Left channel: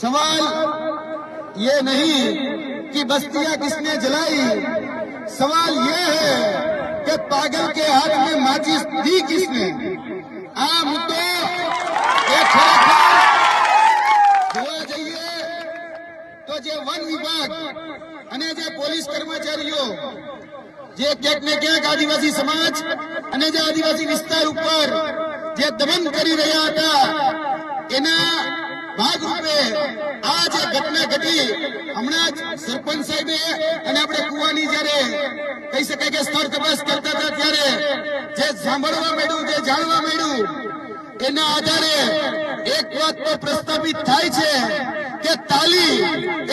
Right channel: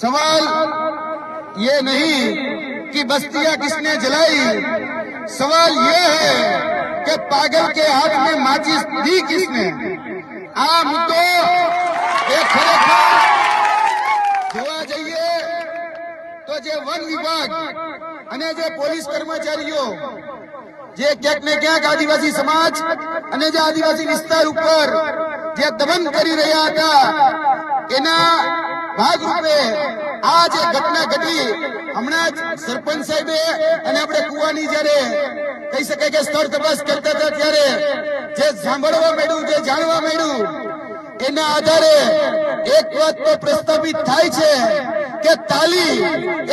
सवाल ये नहीं कि बस्तियां किसने जलाई, सवाल ये है कि पागल के हाथ में माचिस दी किसने। आ मुद्दो એ ખરેખર જોવા જઈએ તો જે વન વિભાગ અને જે પોલીસ કર્મચારીઓ જે ક્યાંક ને ક્યાંક આદિવાસી સમાજ અને જે આદિવાસી વિસ્તાર ઉપર જે દમન કરી રહ્યા હતા એના ભાગરૂપે આ જે ઘટના ઘટી હમણાં જ સરપંચ સાહેબે અને આપણે કુવાની જયારે કહી શકાય કે સ્થળ તપાસ કરતા હતા ત્યારે જે સાંભળવા મળ્યું, જે જાણવા મળ્યું એના આધારે એક વાત તો પ્રસ્થાપિત થાય છે કે તાલી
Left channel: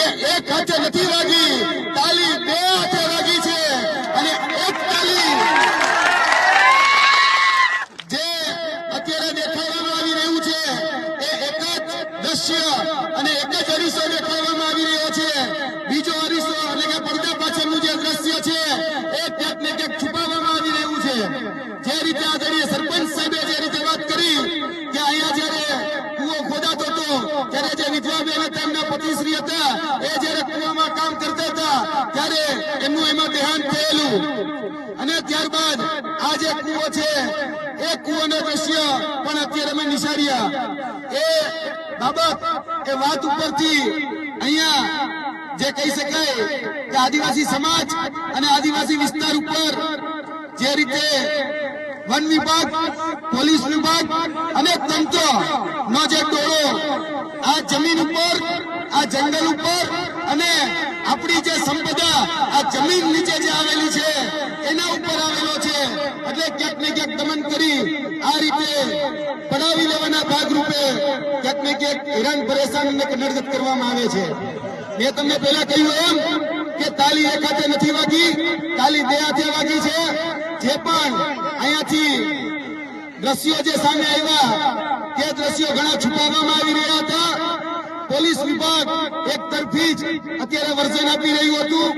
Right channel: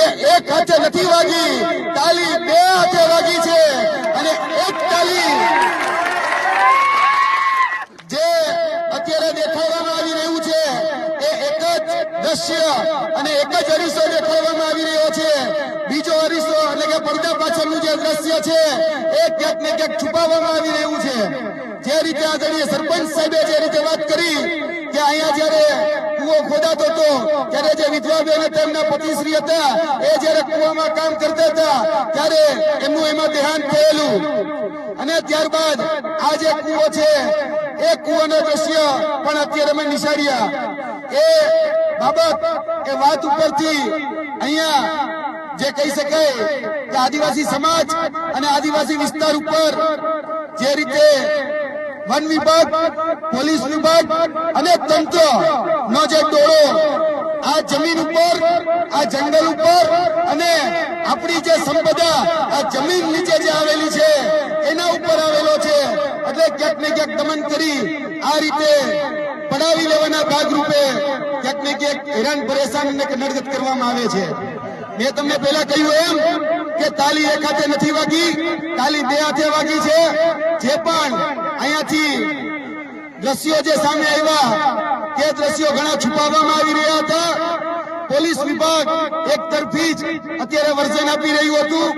એ એક હાથે નથી વાગી, તાલી બે હાથે વાગી છે અને એક તાલી જે અત્યારે દેખાડવામાં આવી રહ્યું છે એ એક જ દ્રશ્ય અને એક જ અરીસો દેખાડવામાં આવી રહ્યો છે. બીજો અરીસો એટલે કે પડદા પાછળનું જે દ્રશ્ય છે એ ક્યાંક ને ક્યાંક છુપાવવામાં આવી રહ્યું છે. જે રીતે આદરણીય સરપંચ સાહેબે જે રીતે વાત કરી કે અહીંયા જયારે કુવો ખોદાતો હતો ત્યારે જે વિધવાબેન હતા એમના પતિશ્રી હતા એ જયારે કુવામાં કામ કરતા હતા ત્યારે એમનું એમાં દેહાંત થયેલું અને ત્યારબાદ આ જે કુવો છે એ કુવાના દ્રશ્ય પણ અત્યારે અમે નિશાળ્યા. એ બાબત એ વાત ઉપરથી અહીંયા જે કહી શકાય કે આદિવાસી સમાજ અને આદિવાસી વિસ્તાર ઉપર જે રીતે વન વિભાગ, પોલીસ વિભાગ અને તંત્ર નો જે ટોળો આ જમીન ઉપર, આ જંગલ ઉપર અને આપણી જે સંપદા આ જમીન નીચે જે આવેલી છે એના ઉપર આવેલો છે એટલે ક્યાંક ને ક્યાંક દમન કરી આ રીતે પડાવી લેવાના ભાગરૂપે ક્યાંક ને ક્યાંક હેરાન પરેશાન અને નડગત કરવામાં આવે છે. મેં તમને પહેલા કહ્યું એમ કે તાલી એક હાથે નથી વાગી, તાલી બે હાથે વાગી છે. જે પણ અહીંયાથી દ્રશ્યો જે સામે આવ્યા તે દ્રશ્યો ઘણા છુપાવવામાં આવી રહ્યા હતા. પોલીસ વિભાગ એક તરફી જ અત્યારે વર્ઝન આપી રહ્યું હતું.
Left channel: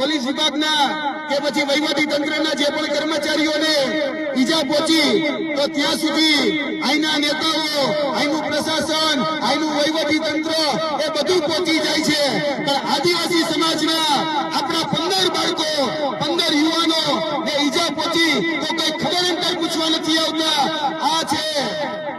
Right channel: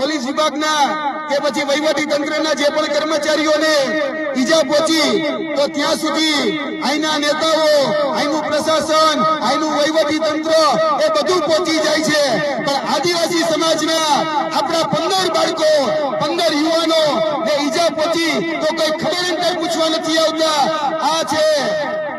પોલીસ વિભાગના કે પછી વહીવટી તંત્રના જે પણ કર્મચારીઓને ઈજા પહોંચી તો ત્યાં સુધી અહીંના નેતાઓ, અહીંનું પ્રશાસન, અહીંનું વહીવટી તંત્ર એ બધું પહોંચી જાય છે. પણ આદિવાસી સમાજના આપણા 15 બાળકો, 15 યુવાનો ને ઈજા પહોંચી તો કઈ ખબર એમ કઈ પૂછવા નથી આવતા. આ છે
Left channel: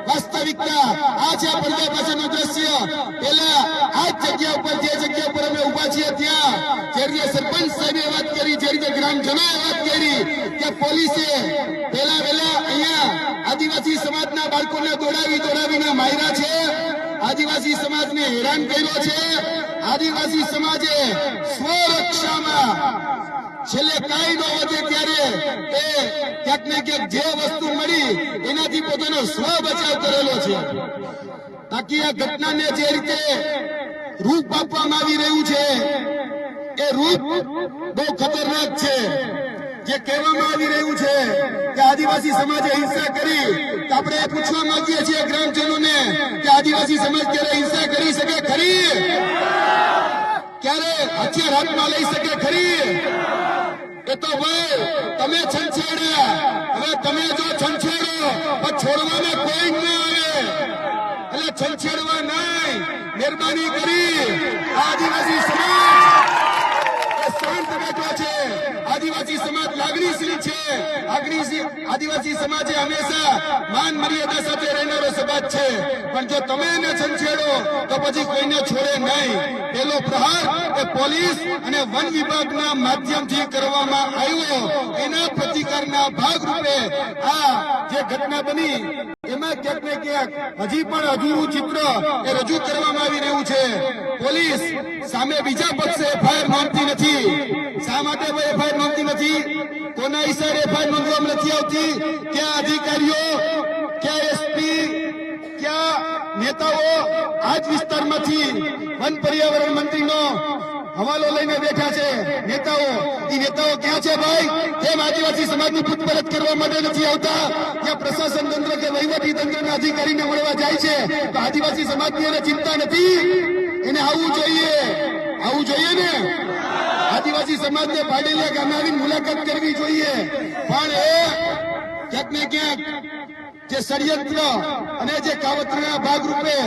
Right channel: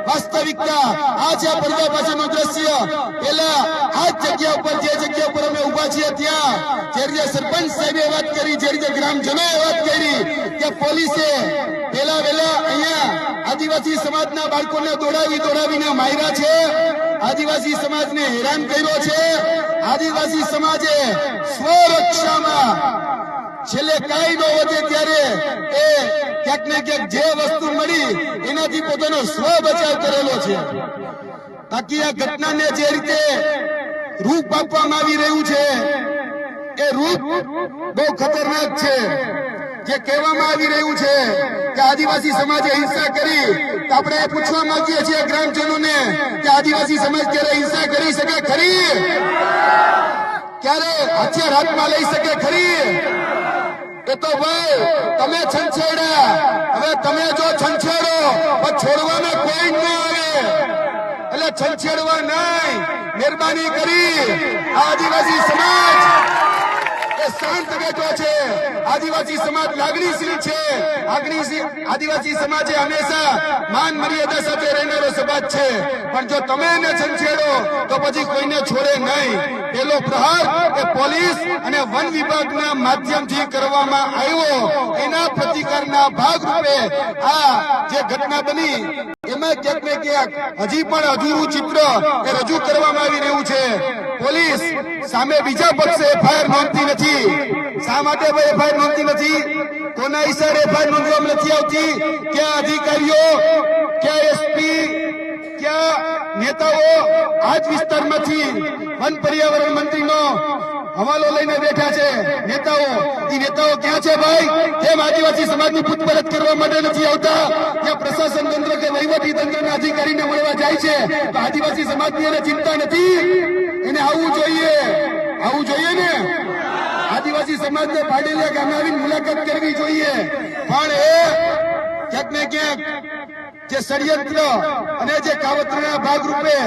વાસ્તવિકતા, આ છે પડદા પાછળનું દ્રશ્ય. પેલા આ જગ્યા ઉપર, જે જગ્યા ઉપર અમે ઉભા છીએ ત્યાં જે રીતે સરપંચ સાહેબે વાત કરી, જે રીતે ગ્રામજનોએ વાત કરી કે પોલીસે પેલા અહીંયા આદિવાસી સમાજના બાળકોને દોડાવીને માર્યા છે, આદિવાસી સમાજને હેરાન કર્યો છે. આદિવાસી સમાજે સ્વરક્ષામાં છેલ્લે કાંઈ ન વધે ત્યારે એ ક્યાંક ને ક્યાંક જે વસ્તુ મળી એનાથી પોતાનો સ્વ બચાવ કરેલો છે. બાકી આ ઘટનાને જે રીતે રૂપ આપવામાં આવી રહ્યું છે એ રૂપ બહુ ખતરનાક છે. જે કહેવામાં આવી રહ્યું છે કે આદિવાસી સમાજે હિંસા કરી તો આપણે પૂછવા માંગીએ છીએ ગ્રામજનોને કે આદિવાસી સમાજ ક્યારે હિંસા કરી શકે ખરી? ક્યારે હથિયાર હાથમાં લઈ શકે ખરી? એ તો ભાઈ તમે છંછેડ્યા, હવે તમે જો છંછેડો પણ છોડવામાં કોઈ ન આવે એટલે છંછેડવા નહીં. મહેરબાની કરી આદિવાસી સમાજ એ શાંત બેઠો છે. આદિવાસી સમાજ લાગણીશીલ છે. આદિવાસી સમાજે હંમેશા માન મર્યાદા સાથે રહેનારો સમાજ છે. પણ જો તમે એને છંછેડો તો પછી કોઈને છોડે નહીં. પેલો પ્રહાર એ પોલીસ અને વન વિભાગના માધ્યમથી કરવામાં આવ્યો. એના પ્રતિકારના ભાગરૂપે આ જે ઘટના બની એમાં ક્યાંક ને ક્યાંક હજી પણ અધૂરું ચિત્ર એ રજૂ કરવામાં આવી રહ્યું છે. પોલીસ સામે બીજા પક્ષે એફઆઈઆર નોંધતી નથી. શા માટે એફઆઈઆર નોંધતી નથી? કોના ઈશારે એફઆઈઆર નોંધવામાં નથી આવતી? ક્યાં અધિકારીઓ, ક્યાં એસપી, ક્યાં નેતાઓ આ જ વિસ્તારમાંથી વન પર્યાવરણ મંત્રીનો હવાલો લઈને બેઠા છે નેતાઓ. એ નેતાઓ ક્યાં છે ભાઈ? કેમ આદિવાસી સમાજની પૂછપરછ કરવા માટે નથી આવતા? જ્યાં પ્રશાસન તંત્ર કે વહીવટી તંત્રના અધિકારીને મળવા જાય છે તો આદિવાસી સમાજની એને ચિંતા નથી? એને આવવું જોઈએ ને. આદિવાસી સમાજને પાડેલિયા ગામે આવીને મુલાકાત કરવી જોઈએ. પણ એ ક્યાંક ને ક્યાંક જે ષડયંત્ર અને જે કાવતરાના ભાગરૂપે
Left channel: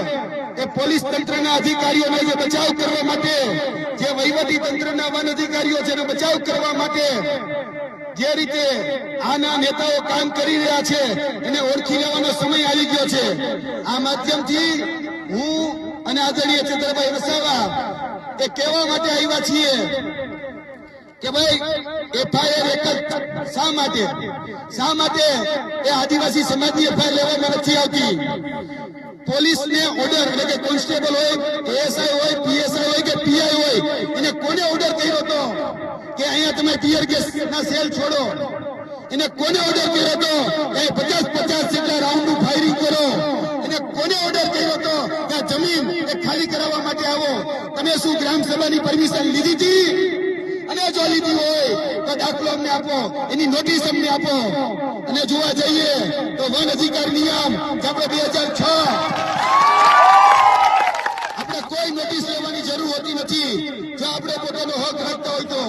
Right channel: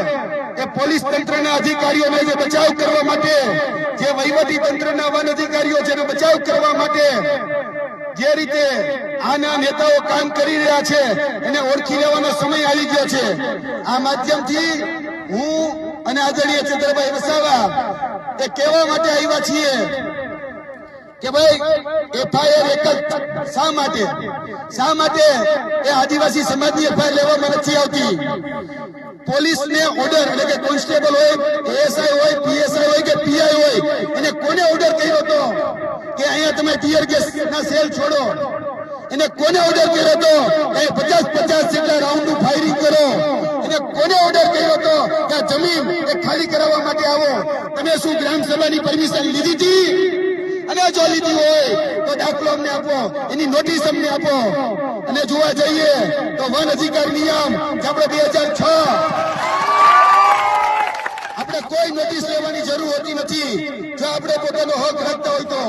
કે પોલીસ તંત્રના અધિકારીઓને જે બચાવ કરવા માટે, જે વહીવટી તંત્રના વન અધિકારીઓ છે એને બચાવ કરવા માટે જે રીતે આના નેતાઓ કામ કરી રહ્યા છે એને ઓળખી લેવાનો સમય આવી ગયો છે. આ માધ્યમથી હું અને આદરણીય ચંદ્રભાઈ વસાવા એ કહેવા માટે આવ્યા છીએ કે ભાઈ એફઆઈઆર એક જ શા માટે એ આદિવાસી સમાજની એફઆઈઆર લેવામાં નથી આવતી. પોલીસને ઓર્ડર, એટલે કે કોન્સ્ટેબલ હોય, એએસઆઈ હોય, પીએસઆઈ હોય કે પીઆઈ હોય, એને કોને ઓર્ડર કર્યો હતો કે અહીંયા તમે ટીયર ગેસના સેલ છોડો? એને કોને ઓર્ડર કર્યો હતો કે 50 જેટલા રાઉન્ડનું ફાયરિંગ કરો? એને કોને ઓર્ડર કર્યો હતો કે જમીન એ ખાલી કરાવવા માટે આવો? તમે શું ગ્રામ સભાની પરમિશન લીધી હતી? અને જો લીધી હોય તો દાખલો અમને આપો, એની નોટિસ અમને આપો. અને જોવા જઈએ તો વન અધિકાર નિયમ આપણે 2006 આપણે કોઈ નોટિસ લેવાની જરૂર હોતી નથી જો આપણે પોતાનો હક રાખતા હોય તો.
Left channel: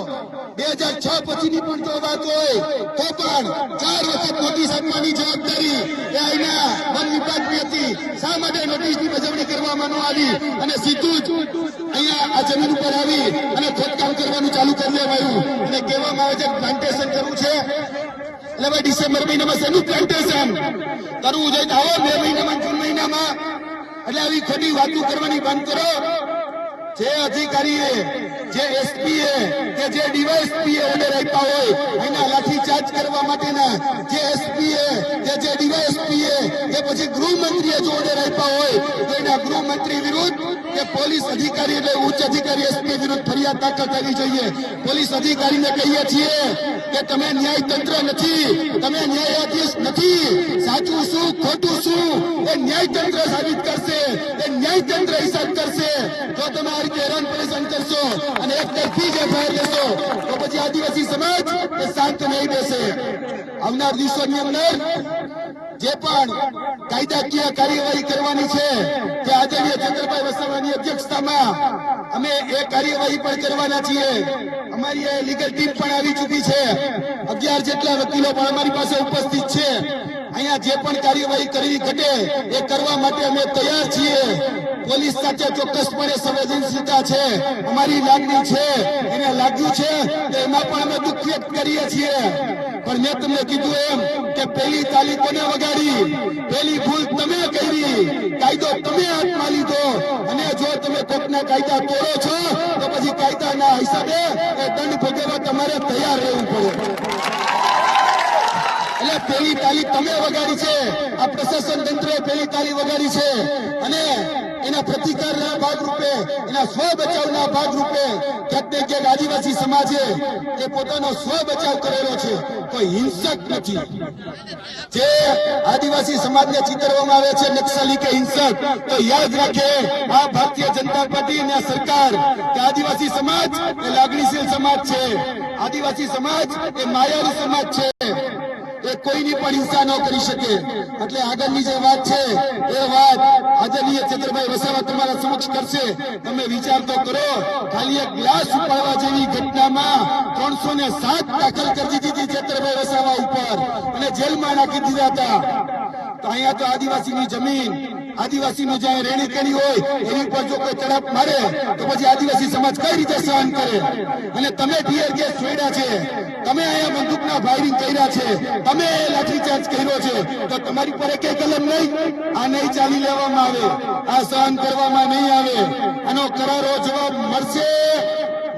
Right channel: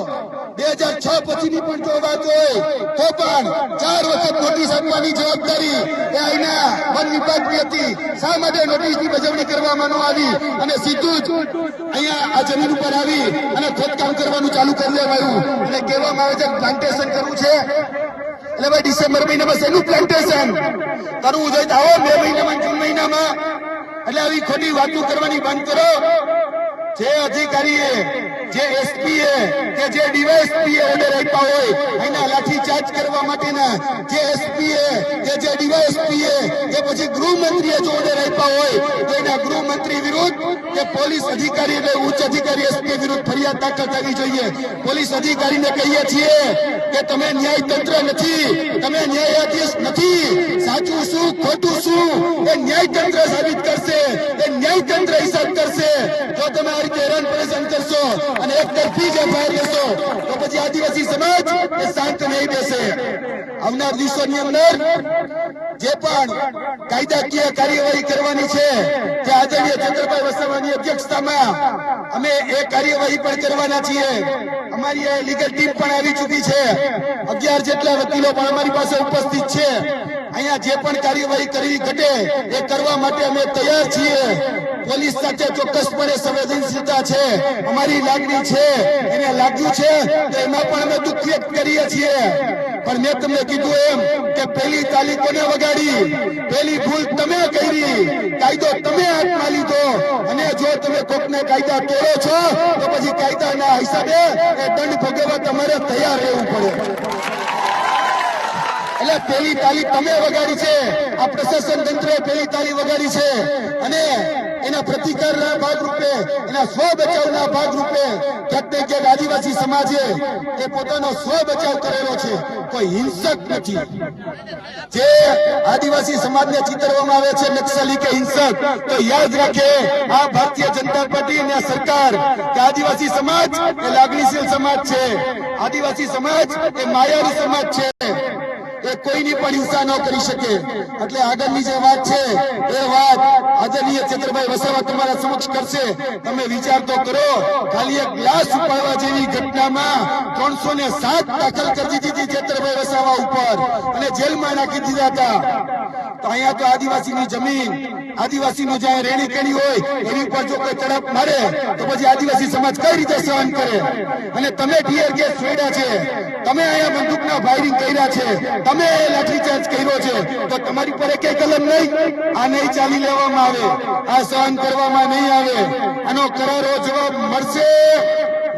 2006 પછીની પણ જો વાત હોય તો પણ 4 વખત નોટિસ આપવાની જવાબદારી એ અહીંના વન વિભાગની હતી. શા માટે નોટિસની બજવણી કરવામાં ન આવી અને સીધું જ અહીંયા આ જમીન ઉપર આવી અને ખોદકામ કરવાનું ચાલુ કરી દેવાયું અને કહેવામાં આવે છે પ્લાન્ટેશન કરવું છે? એટલે ભાઈ ડિસેમ્બર મહિનામાં શેનું પ્લાન્ટેશન કરવું જોઈએ? તો આવો 2 મહિનામાં, જૂન મહિનામાં. એટલે આવી ખોટી વાતો કરવાની બંધ કરો. જે અધિકારીએ, જે એસપીએ કે જે ડીવાયએસપીએ ઓર્ડર આપ્યા હોય એના લાઠીચાર્જ કરવા માટેના, જે એસપીએ કે જે ડીવાયએસપીએ કે પછી ગૃહમંત્રીએ જો ઓર્ડર આપ્યા હોય તો એના ગૃહમંત્રી વિરુદ્ધ કે પોલીસ અધિકારી એટલે ઉચ્ચ અધિકારી એસપી વિરુદ્ધ ફરિયાદ દાખલ થવી જોઈએ. પોલીસ અધિકારીને કહીએ છીએ કે તમે ન્યાયતંત્ર નથી, તમે ન્યાયાધીશ નથી. સાચું શું ખોટું શું એ ન્યાયતંત્ર સાબિત કરશે, એ ન્યાયતંત્ર હિસાબ કરશે. જો તમે આ રીતે હેરાન પરેશાન કરશો અને એક તરફી જ એફઆઈઆર લેશો તો પછી આદિવાસી સમાજ એ શાંત નહીં બેસે. આવનાર દિવસોની અંદર જે પણ કાયદાકીય કાર્યવાહી કરવાની છે તે આદરણીય ચંદ્રભાઈ વસાવાની અધ્યક્ષતામાં અમે એ કાર્યવાહી પણ કરવાના છીએ. અમારી લીગલ ટીમ પણ આવી ચૂકી છે. 11 જેટલા વકીલો પણ અમારી પાસે ઉપસ્થિત છે. અહીંયા જે પણ કાર્યવાહી કરવી ઘટે એ કરવા માટે અમે તૈયાર છીએ. પોલીસ સાથે ચોક્કસપણે સંવેદનશીલતા છે, અમારી લાગણી છે, એને લાગ્યું છે તો એમાં પણ અમે દુઃખ વ્યક્ત કરીએ છીએ. પણ મેં તમને કીધું એમ કે પહેલી તાલી કોને વગાડી? પહેલી ભૂલ તમે કરી, કાયદો તમે હાથમાં લીધો અને જો તમે કોકના કાયદા તોડો છો તો પછી કાયદાના હિસાબે એ દંડ ભોગવવા તમારે તૈયાર રહેવું પડે. એટલે પહેલી તાલી તમે વગાડી છે, આ પ્રશાસન તંત્રે પહેલી તાલી વગાડી છે અને એના પ્રતિકારના ભાગરૂપે, એના સ્વ બચાવના ભાગરૂપે ક્યાંક ને ક્યાંક આદિવાસી સમાજે એ પોતાનો સ્વ બચાવ કરેલો છે. કોઈ હિંસક નથી. જે આદિવાસી સમાજને ચિતરવામાં આવે છે નક્સલી કે હિંસક, તો યાદ રાખે આ ભારતીય જનતા પાર્ટી અને સરકાર કે આદિવાસી સમાજ એ લાગણીશીલ સમાજ છે, આદિવાસી સમાજ એ માયાવી સમાજ છે. એ કોઈની પણ હિંસા ન કરી શકે. એટલે આગળની જે વાત છે એ વાત આદરણીય ચંદ્રભાઈ વસાવા તમારા સમક્ષ કરશે. તમે વિચાર તો કરો, ખાલી એક ગ્લાસ ઉપાડવા જેવી ઘટનામાં 307 દાખલ કરી દીધી ચંદ્રભાઈ વસાવા ઉપર અને જેલમાં નાખી દીધા હતા. તો અહીંયા તો આદિવાસીની જમીન, આદિવાસીનું જ્યાં રેણી કેણી હોય એની ઉપર જો કોઈ તડપ મારે તો પછી આદિવાસી સમાજ કઈ રીતે સહન કરે? અને તમે ટીયર ગેસ છોડ્યા છે, તમે અહીંયા બંદૂકના ફાયરિંગ કર્યા છે, તમે લાઠીચાર્જ કર્યો છે, તો તમારી પર એક કલમ નહીં? આ નહીં ચાલી લેવામાં આવે, આ સહન કરવામાં નહીં આવે. આનો કરારો જવાબ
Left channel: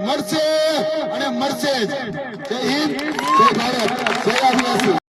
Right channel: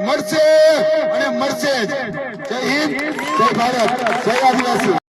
મળશે અને મળશે જ. જય હિન્દ, જય ભારત, જય આદિવાસી.